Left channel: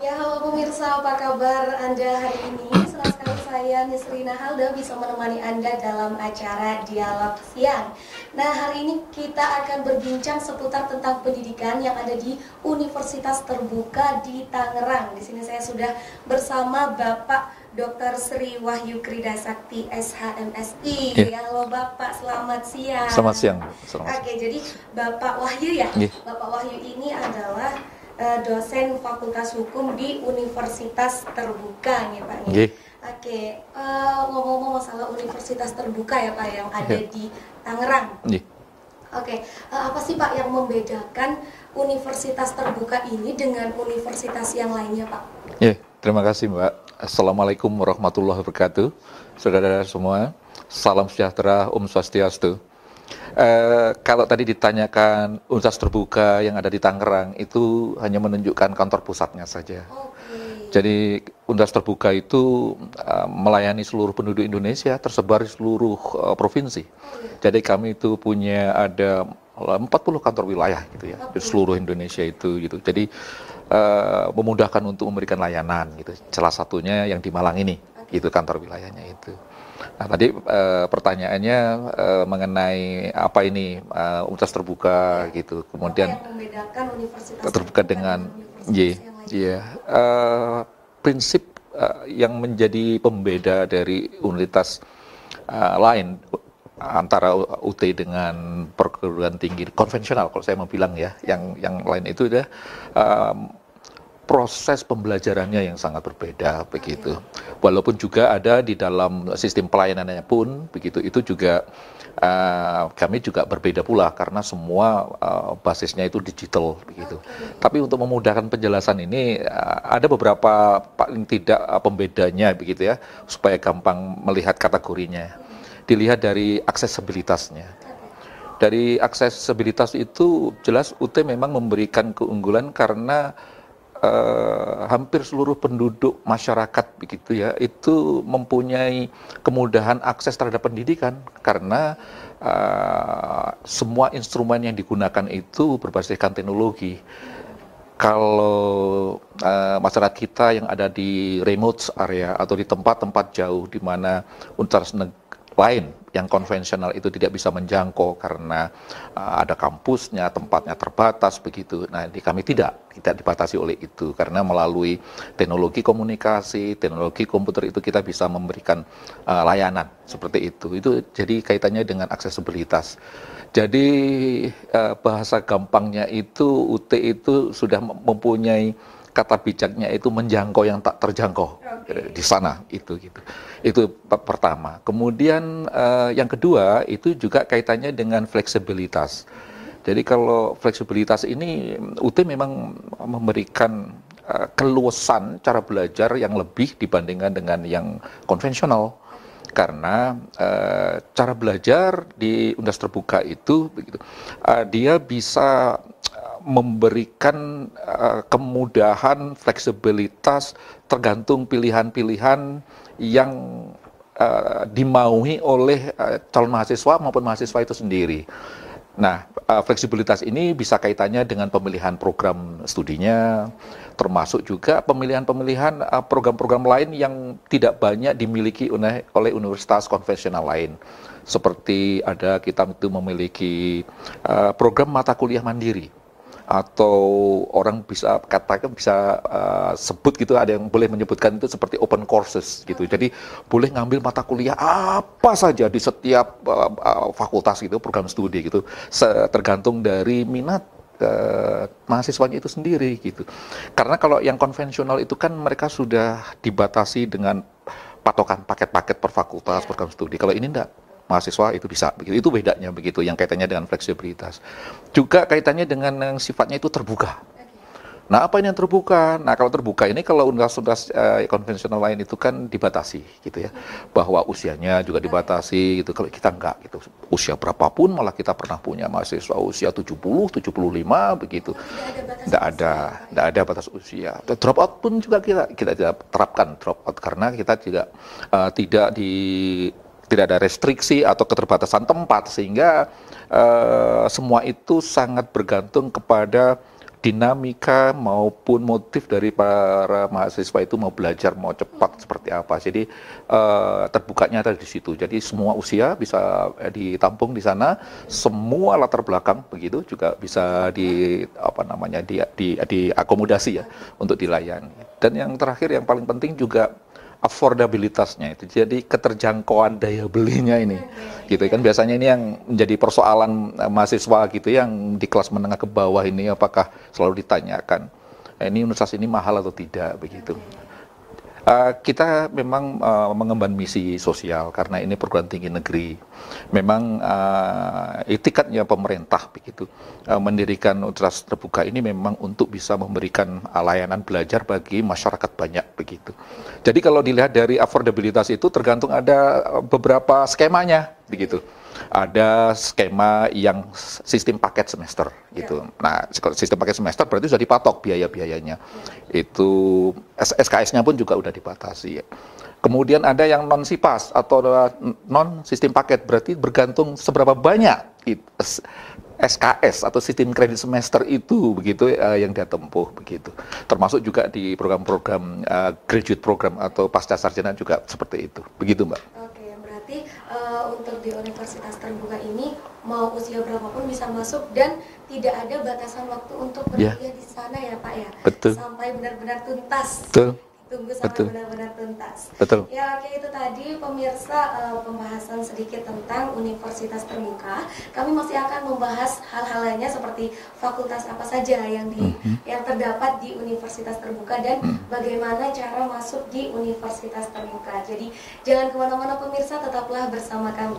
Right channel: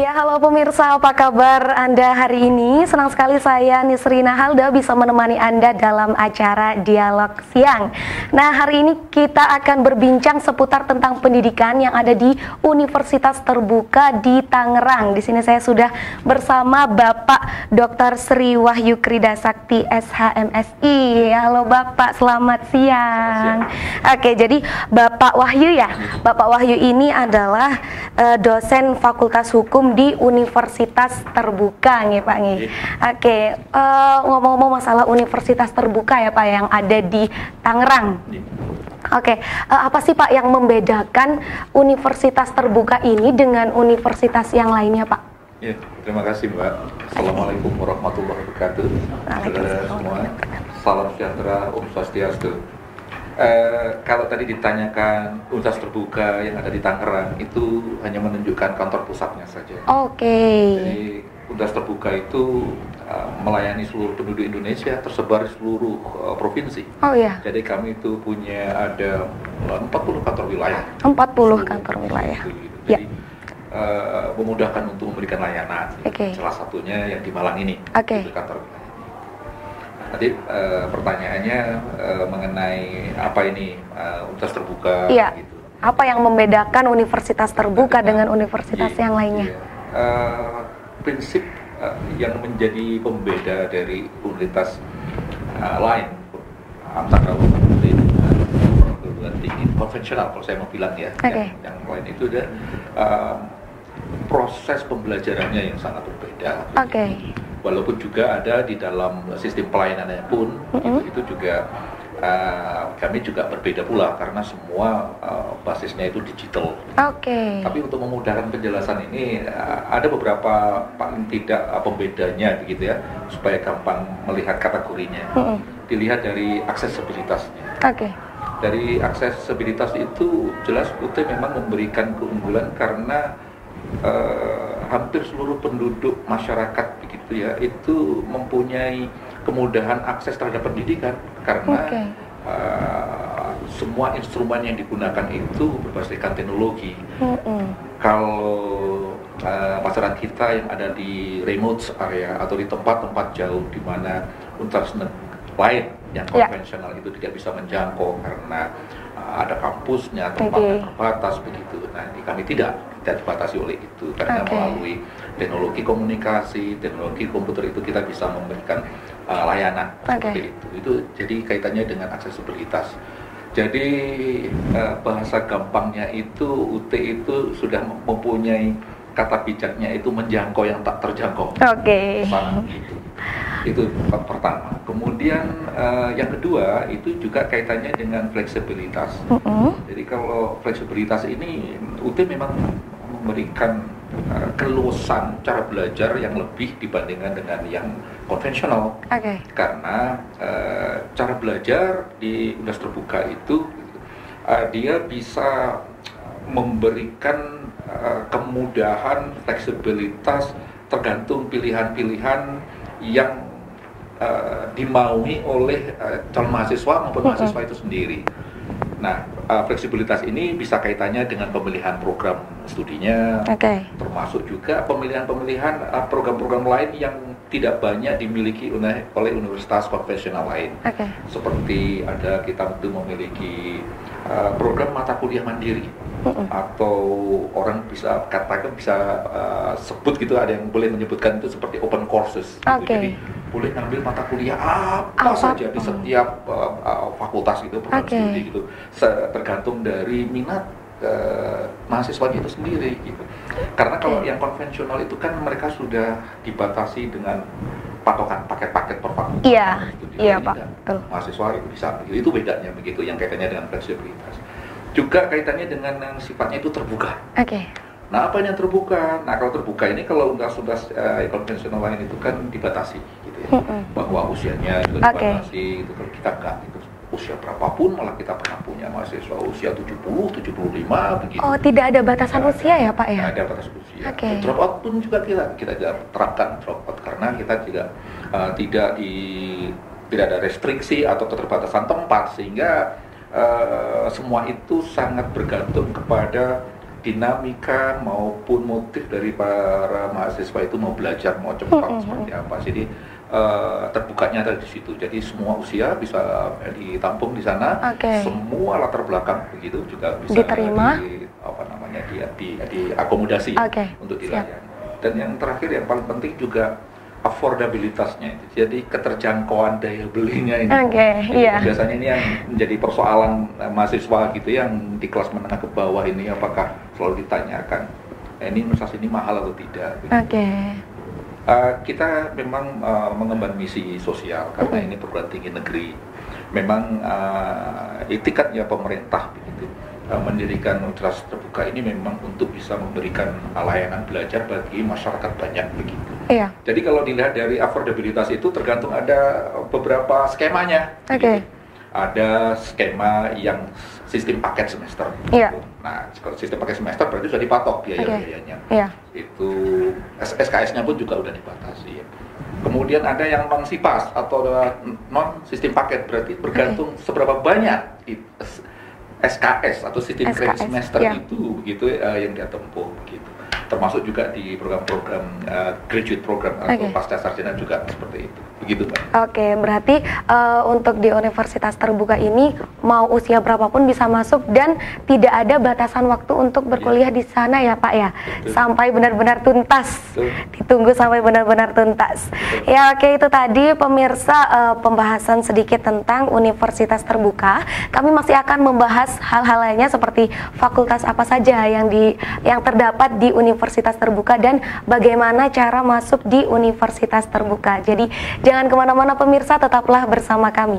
Ya, halo pemirsa, apa kabar Anda hari ini? Senang sekali saya Nisrina Halda bisa menemani Anda dalam acara Dialog Siang. Nah, hari ini kita akan berbincang seputar tentang pendidikan yang ada di Universitas Terbuka di Tangerang. Di sini saya sudah bersama Bapak Dr. Sri Wahyu Kridasakti SHMSI. Ya, halo Bapak, selamat siang. Selamat siang. Oke, jadi Bapak Wahyu ya. Bapak Wahyu ini adalah dosen Fakultas Hukum di Universitas Terbuka nih Pak nih. Oke, ngomong-ngomong masalah Universitas Terbuka ya Pak yang ada di Tangerang. Oke, apa sih Pak yang membedakan Universitas Terbuka ini dengan universitas yang lainnya Pak? Ya, terima kasih Mbak. Assalamualaikum warahmatullahi wabarakatuh. Saudara semua, salam sejahtera, Om Swastiastu. Kalau tadi ditanyakan Universitas Terbuka yang ada di Tangerang, itu hanya menunjukkan kantor pusatnya saja. Oke. Jadi Universitas Terbuka itu melayani seluruh penduduk Indonesia, tersebar di seluruh provinsi. Oh iya. Jadi kami itu punya ada 40 kantor wilayah 40 di seluruh kantor Indonesia wilayah. itu gitu. Jadi memudahkan untuk memberikan layanan. Gitu. Salah satunya yang di Malang ini, itu kantor wilayahnya itu. Nah, tadi pertanyaannya mengenai apa ini Universitas Terbuka gitu. Kemudian, apa yang membedakan Universitas Terbuka dengan universitas yang lainnya? Prinsip yang menjadi pembeda dari universitas lain antara UT dengan perguruan tinggi konvensional, kalau saya mau bilang ya, yang lain itu udah proses pembelajarannya yang sangat berbeda begitu. Walaupun juga ada di dalam sistem pelayanannya pun itu juga kami juga berbeda pula karena semua basisnya itu digital. Gitu. Tapi untuk memudahkan penjelasan ini ada beberapa paling tidak pembedanya begitu ya, supaya gampang melihat kategorinya. Dilihat dari aksesibilitasnya. Dari aksesibilitas itu jelas UT memang memberikan keunggulan karena hampir seluruh penduduk masyarakat begitu ya itu mempunyai kemudahan akses terhadap pendidikan karena semua instrumen yang digunakan itu berbasiskan teknologi. Kalau masyarakat kita yang ada di remote area atau di tempat-tempat jauh di mana universitas lain yang konvensional itu tidak bisa menjangkau karena ada kampusnya, tempatnya terbatas begitu. Nah, di kami tidak dibatasi oleh itu karena melalui teknologi komunikasi, teknologi komputer itu kita bisa memberikan layanan seperti itu. Itu jadi kaitannya dengan aksesibilitas. Jadi bahasa gampangnya itu UT itu sudah mempunyai kata bijaknya itu menjangkau yang tak terjangkau di sana gitu. Itu pertama. Kemudian yang kedua itu juga kaitannya dengan fleksibilitas. Jadi kalau fleksibilitas ini UT memang memberikan keluasan cara belajar yang lebih dibandingkan dengan yang konvensional. Karena cara belajar di Universitas Terbuka itu dia bisa memberikan kemudahan, fleksibilitas tergantung pilihan-pilihan yang dimaui oleh calon mahasiswa maupun mahasiswa itu sendiri. Nah, fleksibilitas ini bisa kaitannya dengan pemilihan program studinya, termasuk juga pemilihan-pemilihan program-program lain yang tidak banyak dimiliki oleh universitas konvensional lain. Seperti kita itu memiliki program mata kuliah mandiri. Atau orang bisa katakan sebut gitu, ada yang boleh menyebutkan itu seperti open courses gitu. Jadi boleh ngambil mata kuliah apa saja di setiap fakultas gitu, program studi gitu, tergantung dari minat mahasiswanya itu sendiri gitu. Karena kalau yang konvensional itu kan mereka sudah dibatasi dengan patokan paket-paket per fakultas program studi. Kalau ini enggak, mahasiswa itu bisa begitu. Itu bedanya begitu yang kaitannya dengan fleksibilitas. Juga kaitannya dengan yang sifatnya itu terbuka. Nah, apa yang terbuka? Nah, kalau terbuka ini kalau universitas konvensional lain itu kan dibatasi gitu ya. Bahwa usianya juga dibatasi gitu. Kalau kita enggak gitu. Usia berapapun malah kita pernah punya mahasiswa usia 70, 75 begitu. Oh, tidak ada batasan usia ya, Pak ya? Tidak ada batas usia. Drop out pun juga kita terapkan drop out karena kita tidak ada restriksi atau keterbatasan tempat sehingga semua itu sangat bergantung kepada dinamika maupun motif dari para mahasiswa itu mau belajar, mau cepat seperti apa. Jadi terbukanya ada di situ. Jadi semua usia bisa ditampung di sana, semua latar belakang begitu juga bisa diakomodasi ya, untuk dilayani. Dan yang terakhir yang paling penting juga affordabilitasnya itu, jadi keterjangkauan daya belinya ini, gitu kan biasanya ini yang menjadi persoalan mahasiswa gitu yang di kelas menengah ke bawah ini, apakah selalu ditanyakan ini universitas ini mahal atau tidak begitu. Kita memang mengemban misi sosial karena ini perguruan tinggi negeri. Memang etikatnya pemerintah begitu mendirikan universitas terbuka ini memang untuk bisa memberikan layanan belajar bagi masyarakat banyak begitu. Jadi kalau dilihat dari affordabilitas itu tergantung ada beberapa skemanya begitu. Ada skema yang sistem paket semester gitu. Nah, sistem paket semester berarti sudah dipatok biaya-biayanya. Itu SKS-nya pun juga udah dibatasi ya. Kemudian ada yang non SIPAS atau non sistem paket, berarti bergantung seberapa banyak SKS atau sistem kredit semester itu begitu yang dia tempuh begitu. Termasuk juga di program-program graduate program atau pasca sarjana juga seperti itu. Begitu, Mbak. Berarti untuk di universitas terbuka ini mau usia berapapun bisa masuk dan tidak ada batasan waktu untuk berkuliah di sana ya, Pak ya. Betul. Sampai benar-benar tuntas. Betul. Ditunggu sampai benar-benar tuntas. Betul. Ya, itu tadi pemirsa pembahasan sedikit tentang universitas terbuka. Kami masih akan membahas hal-hal lainnya seperti fakultas apa saja yang terdapat di universitas terbuka dan bagaimana cara masuk di universitas terbuka. Jadi jangan kemana-mana pemirsa, tetaplah bersama kami.